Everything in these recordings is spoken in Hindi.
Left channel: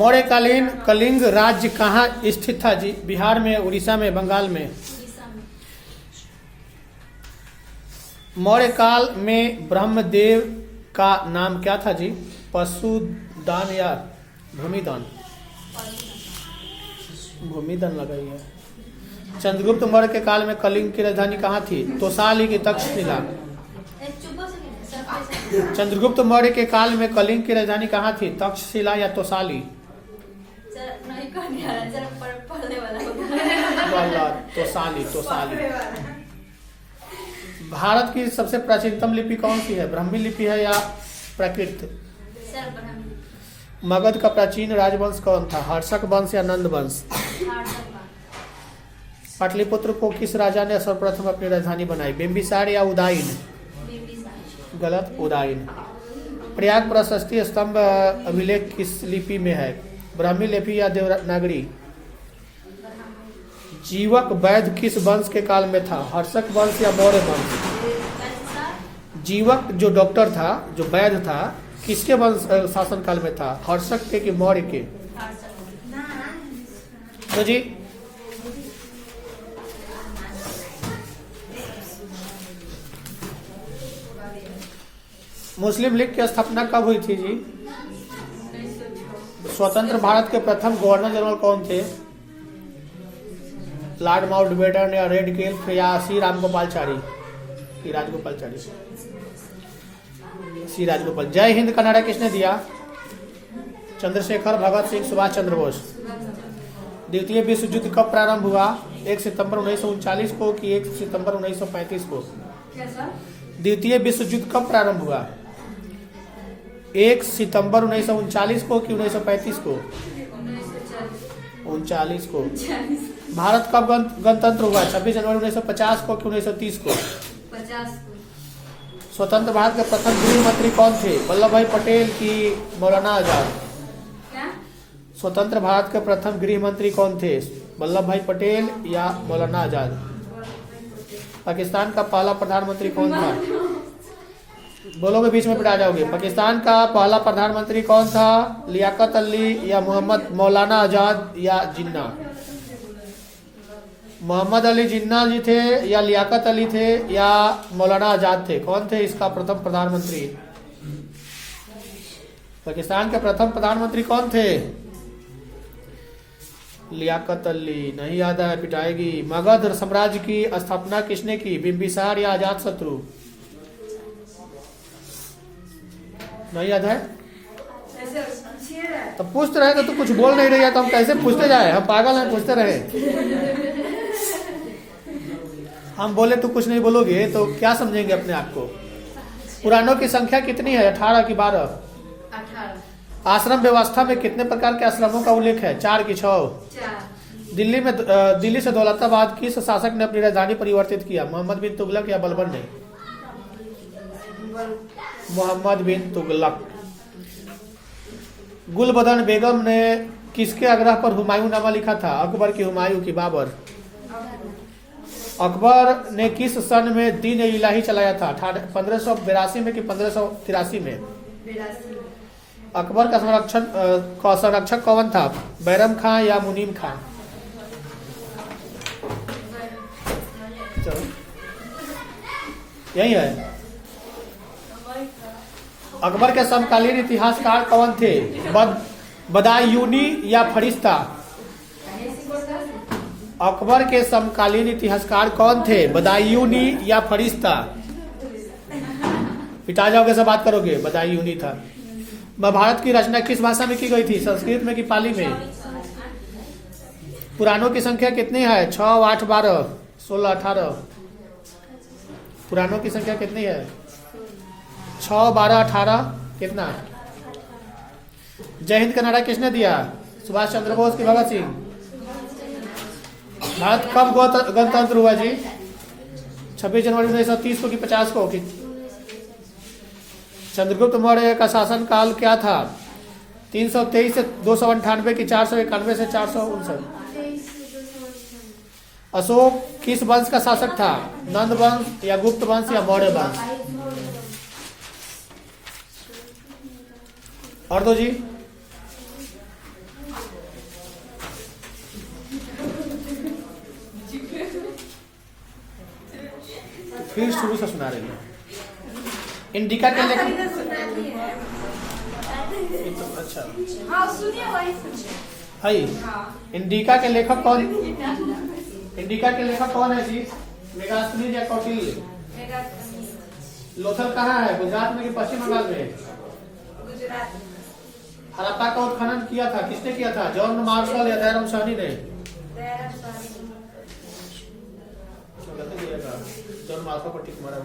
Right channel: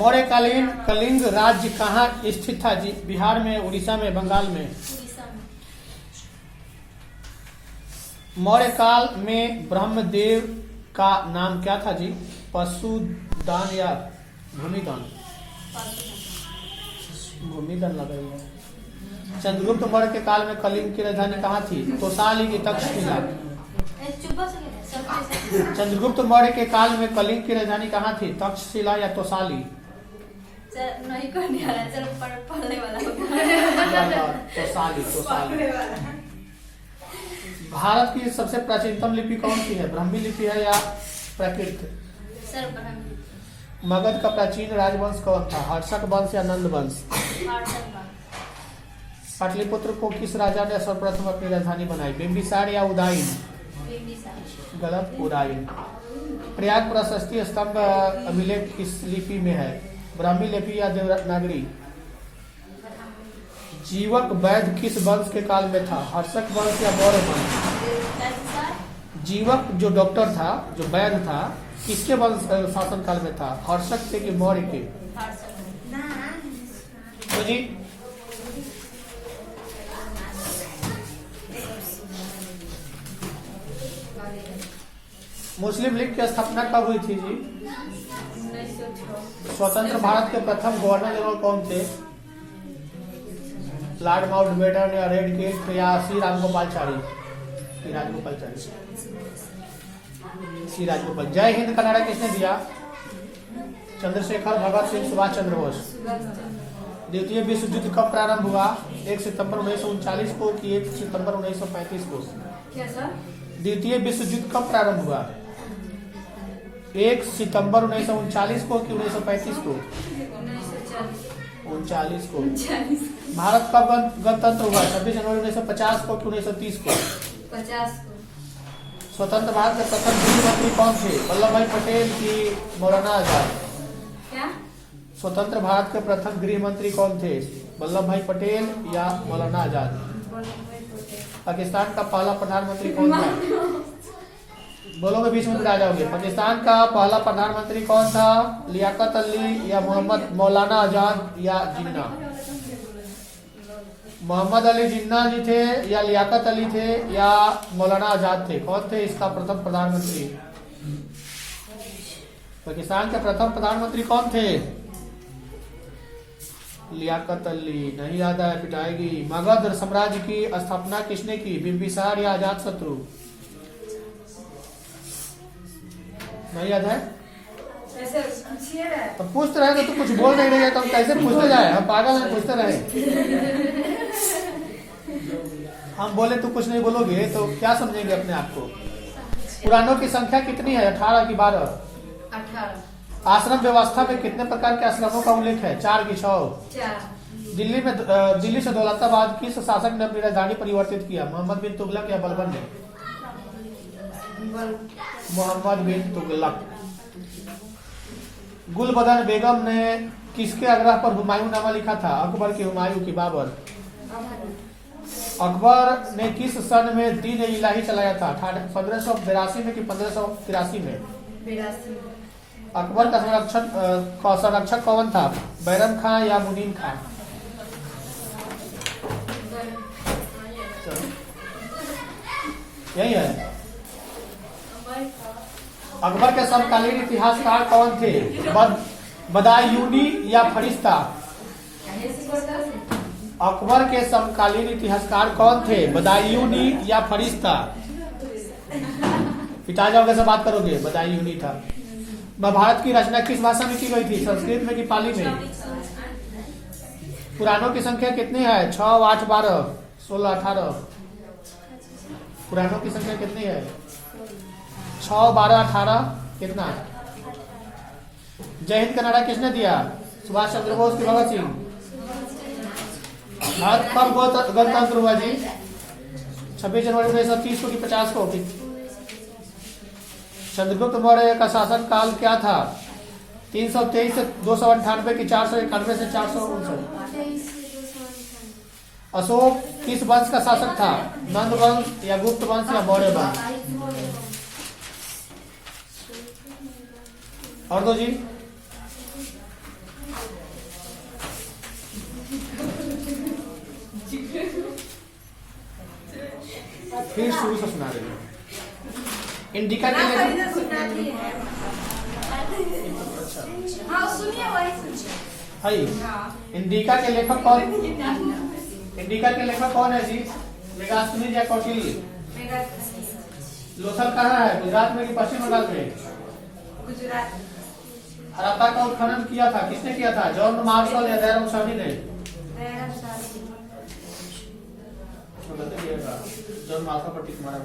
मौर्यकालीन कलिंग राज्य कहाँ स्थित था जी? बिहार में, उड़ीसा में, बंगाल में? उड़ीसा में। मौर्य काल में ब्रह्मदेव का नाम क्या था जी? पशुदान या भूमिदान? भूमिदान लगाइए। चंद्रगुप्त मौर्य के काल में कलिंग की राजधानी कहाँ थी? तोसाली की तक्षशिला? चंद्रगुप्त मौर्य के काल में कलिंग की राजधानी कहाँ थी? तक्षशिला या तोसाली? तोसाली। भारत की सबसे प्राचीनतम लिपि कौन सी है? ब्राह्मी लिपि है या प्राकृत? मगध का प्राचीन राजवंश कौन था? हर्षक वंश या नंद वंश? पाटलिपुत्र को किस राजा ने सर्वप्रथम अपनी राजधानी बनाई? बिंबिसार या उदयन? गलत, उदयन। प्रयाग प्रशस्ति स्तंभ अभिलेख किस लिपि में है? ब्राह्मी लिपि या देवनागरी? जीवक वैद्य किस वंश के काल में था? हर्षक वंश या मौर्य वंश? जीवक जो डॉक्टर था, जो वैद्य था, किसके वंश शासन काल में था? हर्षक के कि मौर्य के? तो जी मुस्लिम लीग की स्थापना कब हुई थी जी? स्वतंत्र भारत के प्रथम गवर्नर जनरल कौन थे? लॉर्ड माउंटबेटन या रेडक्लिफ या सी राजगोपालाचारी? सी राजगोपाल। जय हिंद का नारा किसने दिया? चंद्रशेखर, भगत सिंह, सुभाष चंद्र बोस। द्वितीय विश्व युद्ध कब प्रारंभ हुआ? 1 सितंबर 1939 को कि 1 सितंबर 1935 को? द्वितीय विश्व युद्ध कब प्रारंभ हुआ? 1 सितंबर 1939 को कि 1935 को? 39 को। भारत कब गणतंत्र हुआ? 26 जनवरी 1950 को कि 1930 को? 50 को। स्वतंत्र भारत के प्रथम गृह मंत्री कौन थे? वल्लभ भाई पटेल की मौलाना आजाद? क्या? स्वतंत्र भारत के प्रथम गृह मंत्री कौन थे? वल्लभ भाई पटेल या मौलाना आजाद? पाकिस्तान का पहला प्रधानमंत्री कौन था? बोलोगे बीच में फिर आ जाओगे। पाकिस्तान का पहला प्रधानमंत्री कौन था? लियाकत अली या मोहम्मद मौलाना आजाद या जिन्ना? मोहम्मद अली जिन्ना जी थे या लियाकत अली थे या मौलाना आजाद थे? कौन थे इसका प्रथम प्रधानमंत्री? पाकिस्तान के प्रथम प्रधानमंत्री कौन थे? लियाकत अली। नहीं याद है, पिटाएगी। मगध साम्राज्य की स्थापना किसने की? बिंबिसार या अजात शत्रु? नहीं याद है? तो पूछते रहे तो कुछ बोल नहीं रही है तो हम कैसे पूछते जाए? हम पागल हैं, पूछते रहे। हम बोले तो कुछ नहीं बोलोगे तो क्या समझेंगे अपने आप को? पुराणों की संख्या कितनी है? 18 की 12? 18। आश्रम व्यवस्था में कितने प्रकार के आश्रमों का उल्लेख है? 4 की 6? 4। दिल्ली से दौलताबाद किस शासक ने अपनी राजधानी परिवर्तित किया? मोहम्मद बिन तुगलक या बलबन ने? मोहम्मद बिन तुगलक। गुलबदन बेगम ने किसके आग्रह पर हुमायूंनामा लिखा था? अकबर की, हुमायूं की, बाबर? अकबर ने किस सन में दीन इलाही चलाया था? 1582 में कि 1583 में? अकबर का संरक्षक कौन था? बैरम खां या मुनीम खां? यही है। अकबर के समकालीन इतिहासकार कौन थे? बदायूनी या फरिश्ता? अकबर के समकालीन इतिहासकार कौन थे? बदायूनी या फरिश्ता? पिटा जाओगे से बात करोगे। बदायूनी था। महाभारत की रचना किस भाषा में की गई थी? संस्कृत में कि पाली में? पुराणों की संख्या कितनी है? 6, 8, 12, 16, 18? पुराणों की संख्या कितनी है? 6, 12, 18 कितना? जय हिंद का नारा किसने दिया? सुभाष चंद्र बोस की भगत सिंह? भारत कब गणतंत्र हुआ जी? 26 जनवरी 1930 को कि 50 को? चंद्रगुप्त मौर्य का शासन काल क्या था? 323 से 298 की 491 से 459? अशोक किस वंश का शासक था? नंद वंश या गुप्त वंश या मौर्य वंश? और दो जी। इंडिका के लेखक अच्छा हाँ सुनिए वही सुनिए। है इंडिका के लेखक कौन? इंडिका के लेखक कौन है जी? मेगास्थनीज या कौटिल्य? लोथल कहाँ है, गुजरात में कि पश्चिम बंगाल में? गुजरात। हड़प्पा का उत्खनन किया था, किसने किया था? जॉन मार्शल या दयाराम साहनी ने? जॉन मार्शल पर टिक मारा।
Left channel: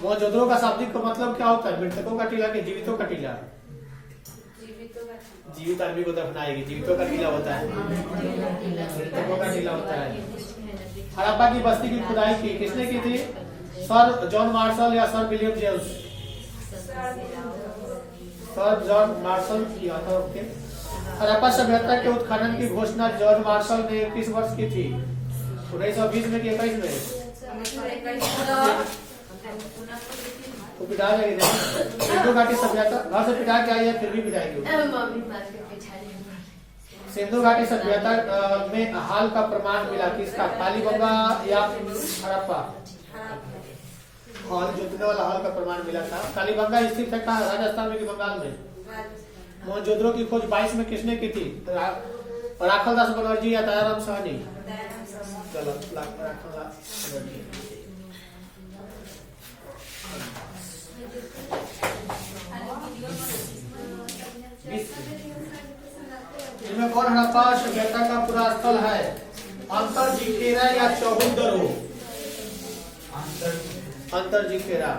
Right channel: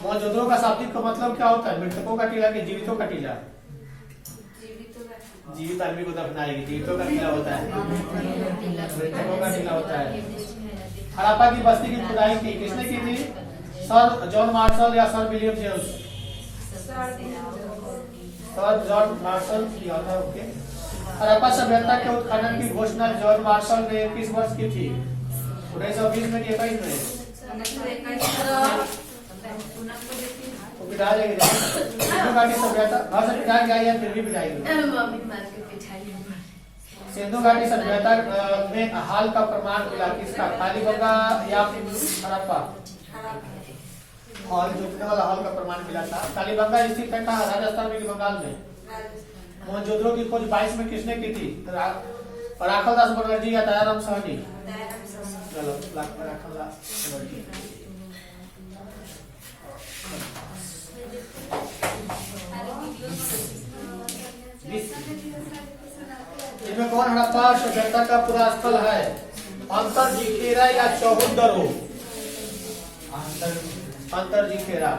मौजूदों का शाब्दिक का मतलब क्या होता है? मृतकों का टीला कि जीवितों का टीला? जीवित आदमी को दफनाएगी, जीवितों का टीला होता है, मृतकों का टीला होता है। हड़प्पा की बस्ती की खुदाई की किसने की थी? सर जॉन मार्शल या sir William James? Sir John Marshall किया था। ओके। हड़प्पा सभ्यता के उत्खनन की घोषणा जॉन मार्शल ने किस वर्ष की थी? 1920 में कि 21 में? तो पिटा जाएगी सिंधु घाटी सभ्यता घर से पिटा के आई है, फिर भी पिटाएगी। सिंधु घाटी सभ्यता में हाल का प्रमाण मिला किसका? कालीबंगा या हड़प्पा? हाल जोतने वाला हाल का प्रमाण मिला था। कालीबंगा स्थित है कहाँ? राजस्थान में कि बंगाल में? मौजूदों की खोज 22 में किसने की थी? राखलदास बनर्जी या दयाराम साहनी? चलो राखलदास बनर्जी। इनमें कौन हड़प्पा सभ्यता का पूरा स्थल है? अंतरजीखेरा या चौहुदरो? अंतरजीखेरा।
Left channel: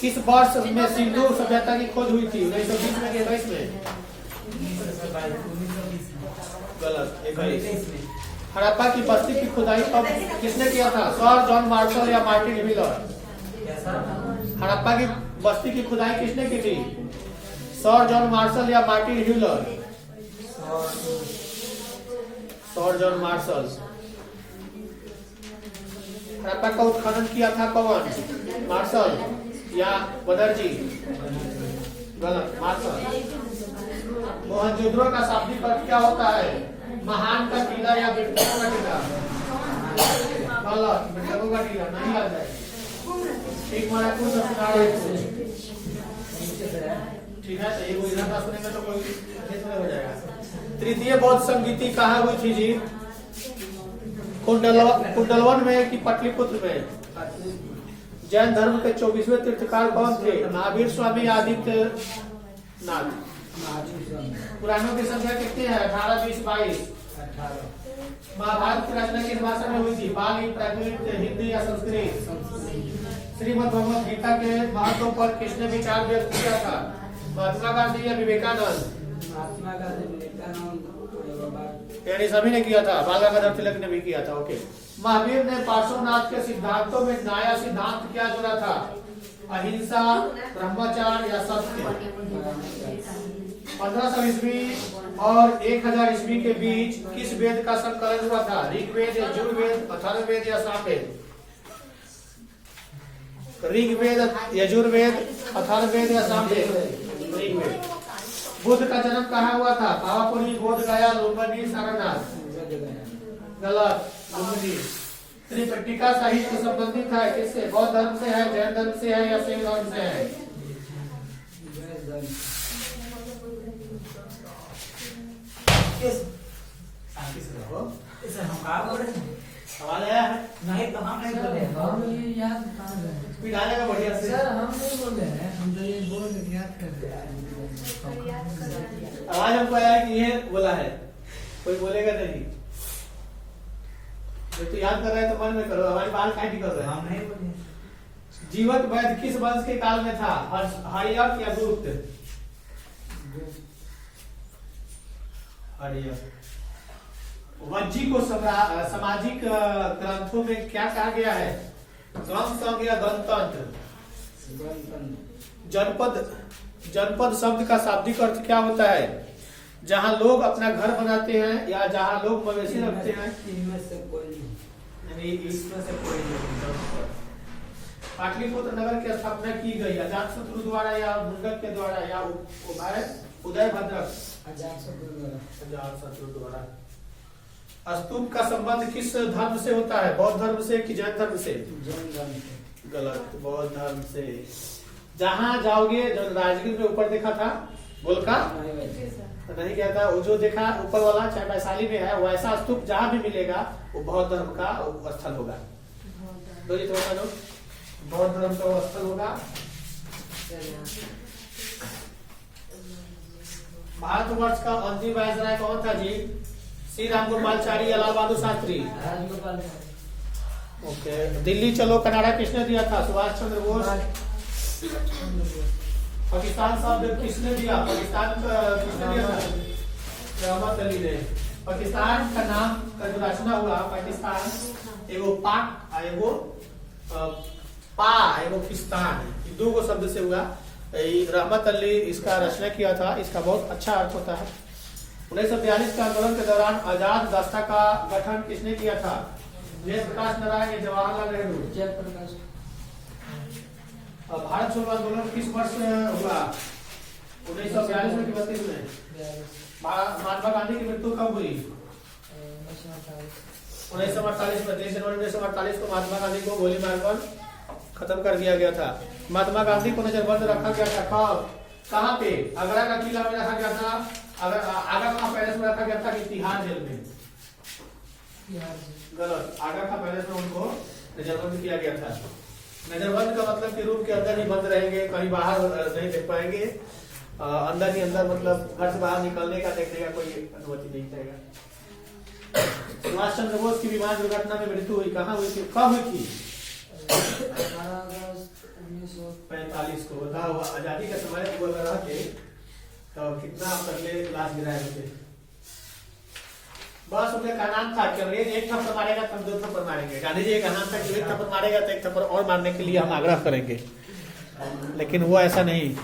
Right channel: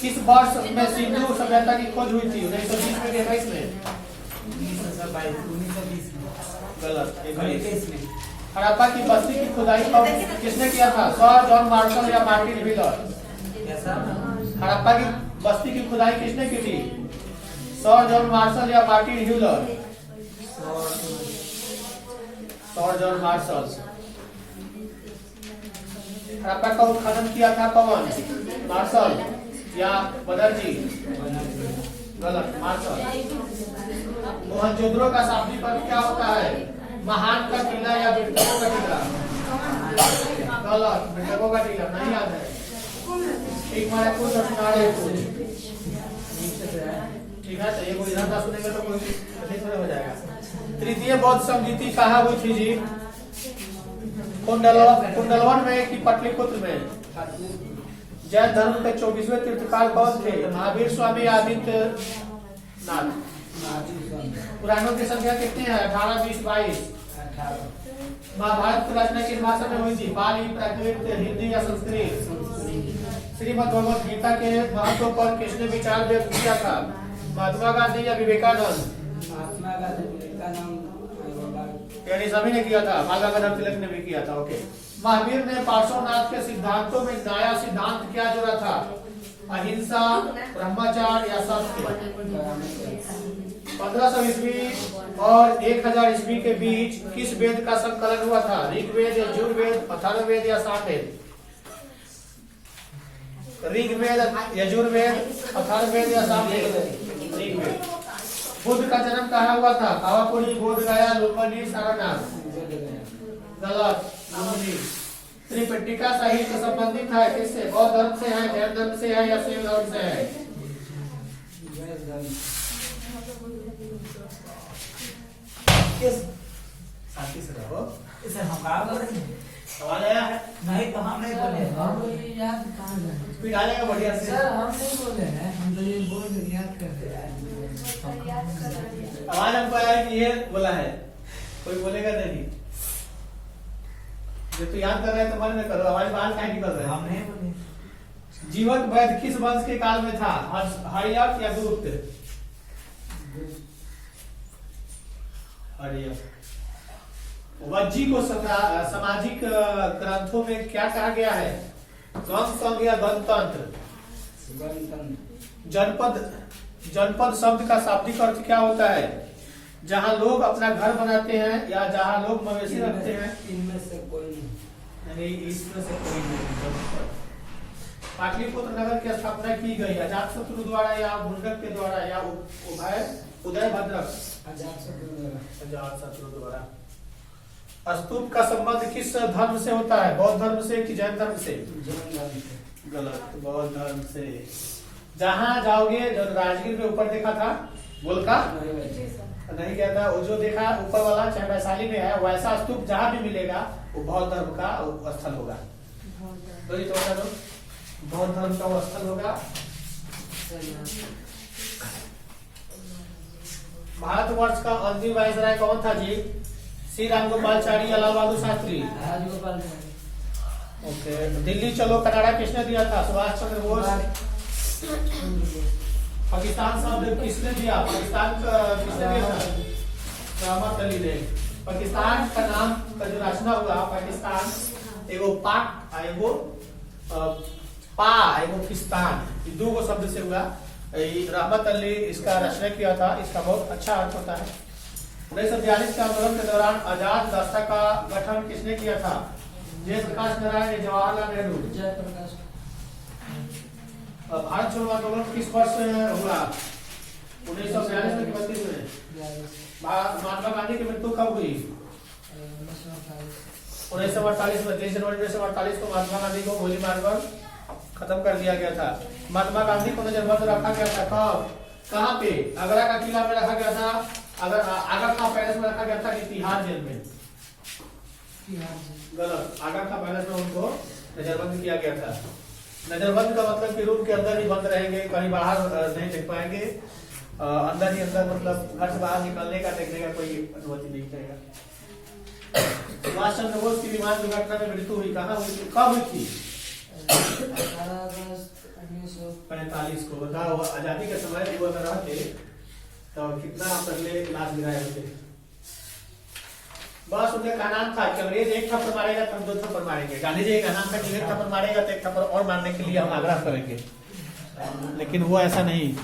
किस वर्ष में सिंधु सभ्यता की खोज हुई थी? 1920 में कि 22 में? गलत, 21 में। हड़प्पा की बस्ती की खुदाई कब किसने किया था? सर जॉन मार्शल या मार्टिन व्हीलर? हड़प्पा की बस्ती की खुदाई किसने की थी? सर जॉन मार्शल या Martin wheeler? Sir John Marshall. Harappa का उत्खनन किया था कौन? मार्शल या बनर्जी? गलत, मार्शल। मोहनजोदड़ो का शाब्दिक अर्थ क्या होता है? महान का टीला या मृतकों का टीला? गलत, मृतकों का टीला। नहीं याद है? ठीक मारे कुछ ठीक है, तो ये कोई इधर सुनेगा तो कोई थोड़ा हो जाएगा। तृतीय बौद्ध संगीति कहाँ हुई थी जी? कुंडलवन में कि पटलिपुत्र में? जैन धर्म के 24वें तीर्थकार कौन थे? महावीर स्वामी या आदित्य नाथ? पुराणों की संख्या कितनी है? 18, 20, 22? महाभारत की रचना किस भाषा में हुई थी? पाली, प्राकृत, हिंदी या संस्कृत? श्रीमद् भगवद गीता के महत्व पर किसने विचार व्यक्त किया था? महात्मा गांधी या विवेकानंद? यानी सभी ने किया था, बाल गंगाधर तिलक ने भी किया था। ओके। महावीर ने पार्श्वनाथ के सिद्धांतों में नया सिद्धांत क्या जोड़ा था? अहिंसा, ब्रह्मचर्य या सत्य? 1500 ईस्वी और 1000 ईस्वी के बीच किस वेद का संकलन हुआ था? ऋग्वेद, यजुर्वेद, अथर्ववेद या सामवेद? ऋग्वेद, यजुर्वेद, अथर्ववेद या सामवेद? ऋग्वेद। बुद्ध का जन्म कहाँ हुआ था? पावापुरी, बोध गया, लुम्बिनी, सारनाथ? गलत, लुम्बिनी। त्रिपिटका साहित्य संबंधित है किससे? बौद्ध धर्म से है, जैन धर्म से है या शैव धर्म से है? शांति से रहो। इसे हम कहाँ बोल रहे हैं? सवाल आया है? नहीं तो हम नहीं बोले। हम ये याद कहाँ गए? डालेगा बढ़िया से। सर हम नहीं बोले हैं, हम तो ये बोल के याद कर रहे हैं। आवाज हमको आया कि ये बोला है, कोई बोलेगा नहीं। जब तू याद कर रहा है तो मन में करो, हमारी बात काहे नहीं कर रहे हैं? हम नहीं बोले। जीवक वैद्य किस वंश के काल में था? हर्यक या गुप्त? हर्यक। वज्जी को सामाजिक ग्रंथों में क्या कहा गया है? गम संघ या गणतंत्र? जनपद शब्द का शाब्दिक अर्थ क्या होता है? जहाँ लोग अपना घर बनाते हैं या जहाँ लोग मवेशी रखते हैं? इनमें से कोई नहीं। इसमें से कोई नहीं। पाटलिपुत्र नगर की स्थापना की गई अजातशत्रु द्वारा या मुंडक के द्वारा या उदय भद्रक? अजातशत्रु द्वारा। स्तूप का संबंध किस धर्म से होता है? बौद्ध धर्म से कि जैन धर्म से? जैन धर्म से। गलत, बौद्ध धर्म से। जहां जाओगे, जो राजगीर में ऊपर देखा था गोलका, जी सर। नहीं गया था, वो जो देखा ऊपर वाला चाहे वैशाली में है, वैसा स्तूप जहां भी मिलेगा वो बौद्ध धर्म का स्थल होगा। बौद्ध धर्म का वो स्थल होगा। भारतवर्ष का अंतिम वायसराय कौन था जी? श्री राम गोपालचारी, लाल बहादुर शास्त्री। राजगोपाल ओके, दिल्ली चलो कनाडा किसने दिया था? सुभाष चंद्र बोस। पाकिस्तान शब्द किसने दिया? पाकिस्तान का किसने दिया था? रहमत अली ने। पाकिस्तान का नाम का जो रचना हुआ, पाकिस्तान एगो पाक आ एगो पा एगो फिस्तान, ये दो गो शब्द से हुआ। रहमत अली इसका रचना किया था। इसका बहुत अच्छा अर्थ होता है। 1942 के आंदोलन के दौरान आजाद रास्ता का गठन किसने किया था? जयप्रकाश नारायण, जवाहरलाल नेहरू। जयप्रकाश। भारत छोड़ो आंदोलन किस वर्ष हुआ? 1942 में कि 32 में? महात्मा गांधी की मृत्यु कब हुई? 1948 में। 23 जनवरी 1948 को महात्मा गांधी को गोली मारकर खत्म कर दिया गया था। महात्मा गांधी को नजरबंद रखा गया था कब? कहाँ पे? आगरा का किला में रखा गया था। अगर आगरा खां पैलेस में रखा गया था कि तिहाड़ जेल में? गलत, आगरा खां पैलेस में उनको नजरबंद किया गया था। नजरबंद का मतलब कि रूम के अंदर ही बंद रहेंगे, कहीं बाहर नहीं देख पाएंगे, अंदर ही अंदर, मतलब घर से बाहर निकलने का देखने का कोई अनुमति नहीं रहेगा। सुभाष चंद्र बोस की विमान दुर्घटना में मृत्यु हुई, कहाँ हुई थी, कब हुई थी? 45 को। बताओ, आजादी के समय वो अगर रहते तो कितना पहले इलाज गिराए होते। बस उनका का नाम था कि अंग्रेज एक थप्पड़ मारेगा तो हम 2 थप्पड़ मारेंगे। गांधी जी का नाम था कि एक थप्पड़ मारेगा तो 1 थप्पड़ और मारने के लिए हम आग्रह करेंगे, लेकिन वो ऐसा नहीं।